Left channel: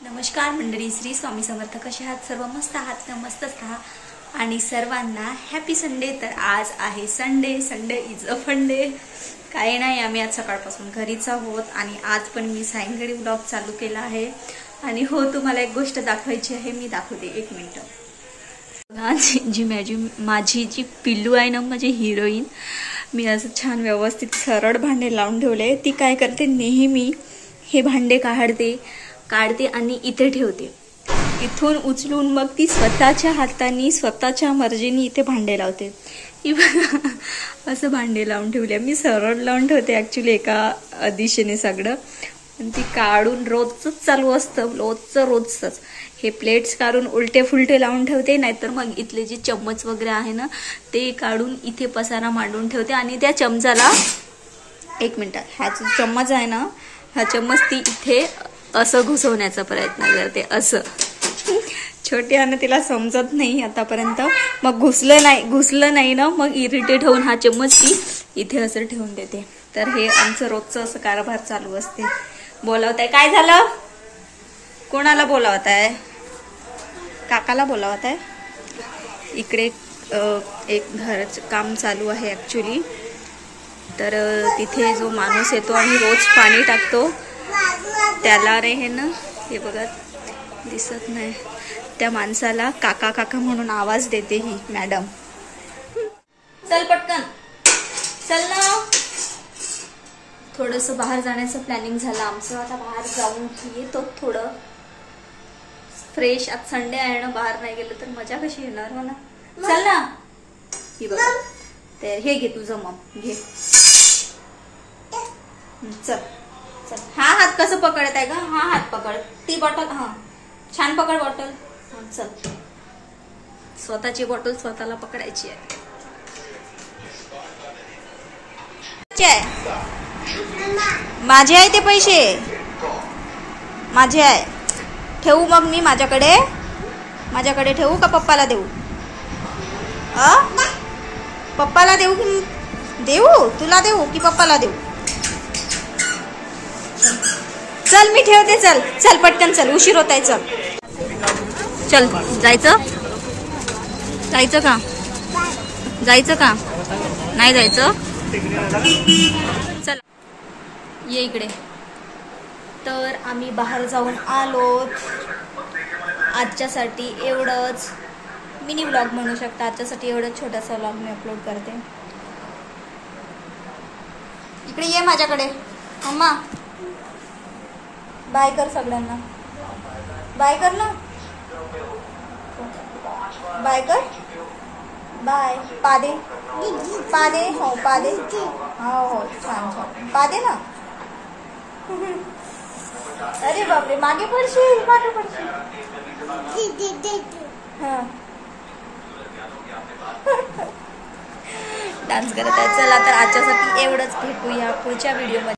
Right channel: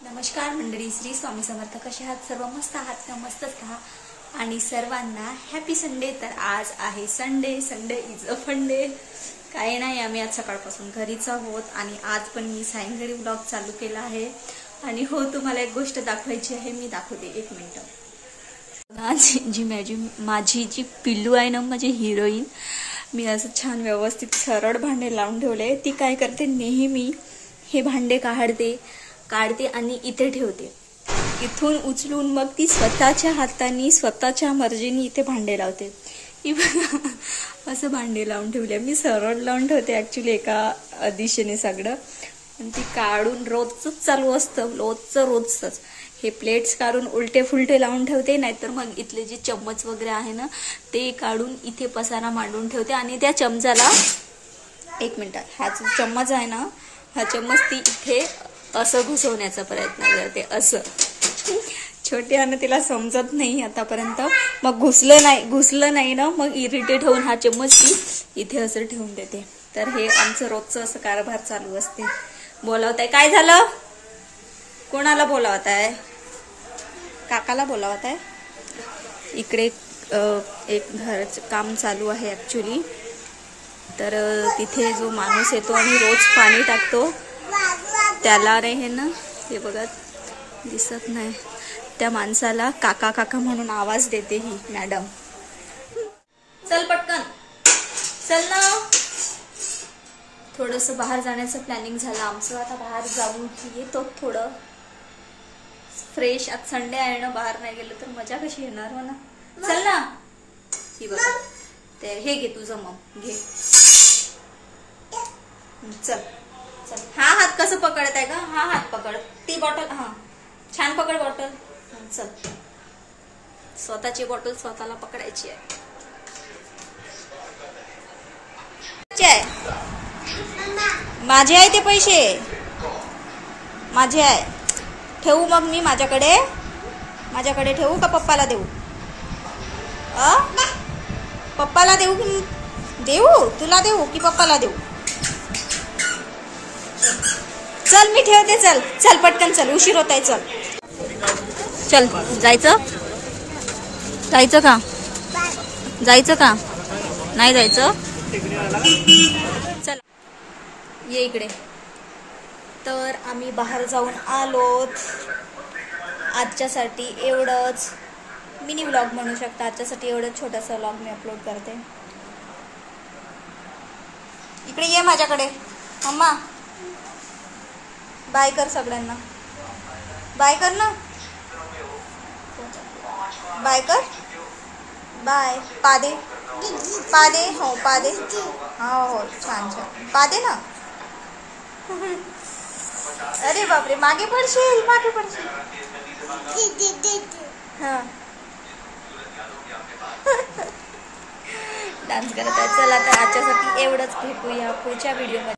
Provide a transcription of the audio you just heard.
नमस्कार मंडळी, श्री स्वामी समर्थ. कसे आहात सर्व? मस्त आहात का? मस्तच राहा आणि सर्वांना हॅपी संडे. तर आज आहे Sunday. Sunday is a fun day. काही नाही, आम्ही आज सकाळपासून घरीच आहोत आणि आज पण मी सायंकाळी व्लॉग चालू केला आहे. आणि हो, तुम्हाला एक गोष्ट दाखवायची आहे, मी दाखवते. एक मिनिट. माझी जी पिल्लू आहे ना, माझी हिरोईन, मी असं छान व्यवस्थित सरळ भांडे लावून ठेवले. ती काय करते, नेहमी हे भांडे काढते आणि इथे ठेवते. इथून उचलून मग ती स्वतःच्या हाताने स्वतःच्या मर्जीने इथे भांडे लावते. असं भांडे लावून ठेवले. मी सरळ लावून ठेवते ऍक्च्युली एका दिशेने सगळं. आणि ती काढून रोजच चालू असतं, रोजच हे प्लेट्स काढून उलटे फुलटे लावून ठेवते. नाहीतर मग इथले जे चम्मच वगैरे आहे ना, ते काढून इथे पसारा मांडून ठेवते. आणि त्या चमचाला एक मिनिट, हा जो चम्मच आहे ना, हा चम्मच ती इथे असं घुसवण्याचा प्रयत्न करते. असं छोटी आहे ना, तिला समजत नाही आतापर्यंत. मग घुसलं नाही ना, मग इरिटेट होऊन हा चम्मच ती इथे असं ठेवून देते. तर हे आमचं रोजचं असं कारभार चालू असते. बोलावताय? काय झालं? कोणाला बोलावताय? काकाला बोलावताय? इकडे एक घराचं काम चालू आहे ऍक्च्युली. तर तिथे जो माणूस येतो आणि रोज पाणी टाकतो, त्याला रे हे ना, हे बघा दिसत नाही, त्या माणसाला काका काका म्हणून आवाज देते ही मॅडम. चल पटकन, चल ना. थोडस बाहेर जाण्याचं प्लॅनिंग झालं आमचं. आता बाहेर जाऊन येतो, थोडं फ्रेश. आज संडे आहे ना, बाहेर नाही गेलं तर मजा कशी येणार हो ना. चल ना. ही बघा, ते हे घे तुझं, मग घे. चल चल. हा हात कसं पकडत आहे का? हा हात पकड. ती बॉटल, हा छान पकड बॉटल. चल, स्वतःची बॉटल स्वतःला पकडायची आहे. माझे आहे ते पैसे, माझे आहे. ठेवू मग मी माझ्याकडे ठेवू का पप्पाला देऊ? पप्पाला देऊ की देऊ? तुला देऊ की पप्पाला देऊ? चल मी ठेवते. चल चल पटकन, चल, उशीर होत आहे. चल जायचं का? नाही जायचं? चल ये इकडे. तर आम्ही बाहेर जाऊन आलोत. आजच्यासाठी एवढंच मिनी व्लॉग म्हणू शकता. आजच्यासाठी एवढंच छोटासा व्लॉग मी अपलोड करते. इकडे ये माझ्याकडे. मम्मा बाय कर सगळ्यांना. बाय कर ना. बाय कर. बाय. पादे हो, पादे. हो छान छान पादे ना. अरे बापरे, मागे पडशील. हा डान्स करत आहे. चला, तर आजच्यासाठी एवढंच. भेटूया पुढच्या व्हिडिओमध्ये.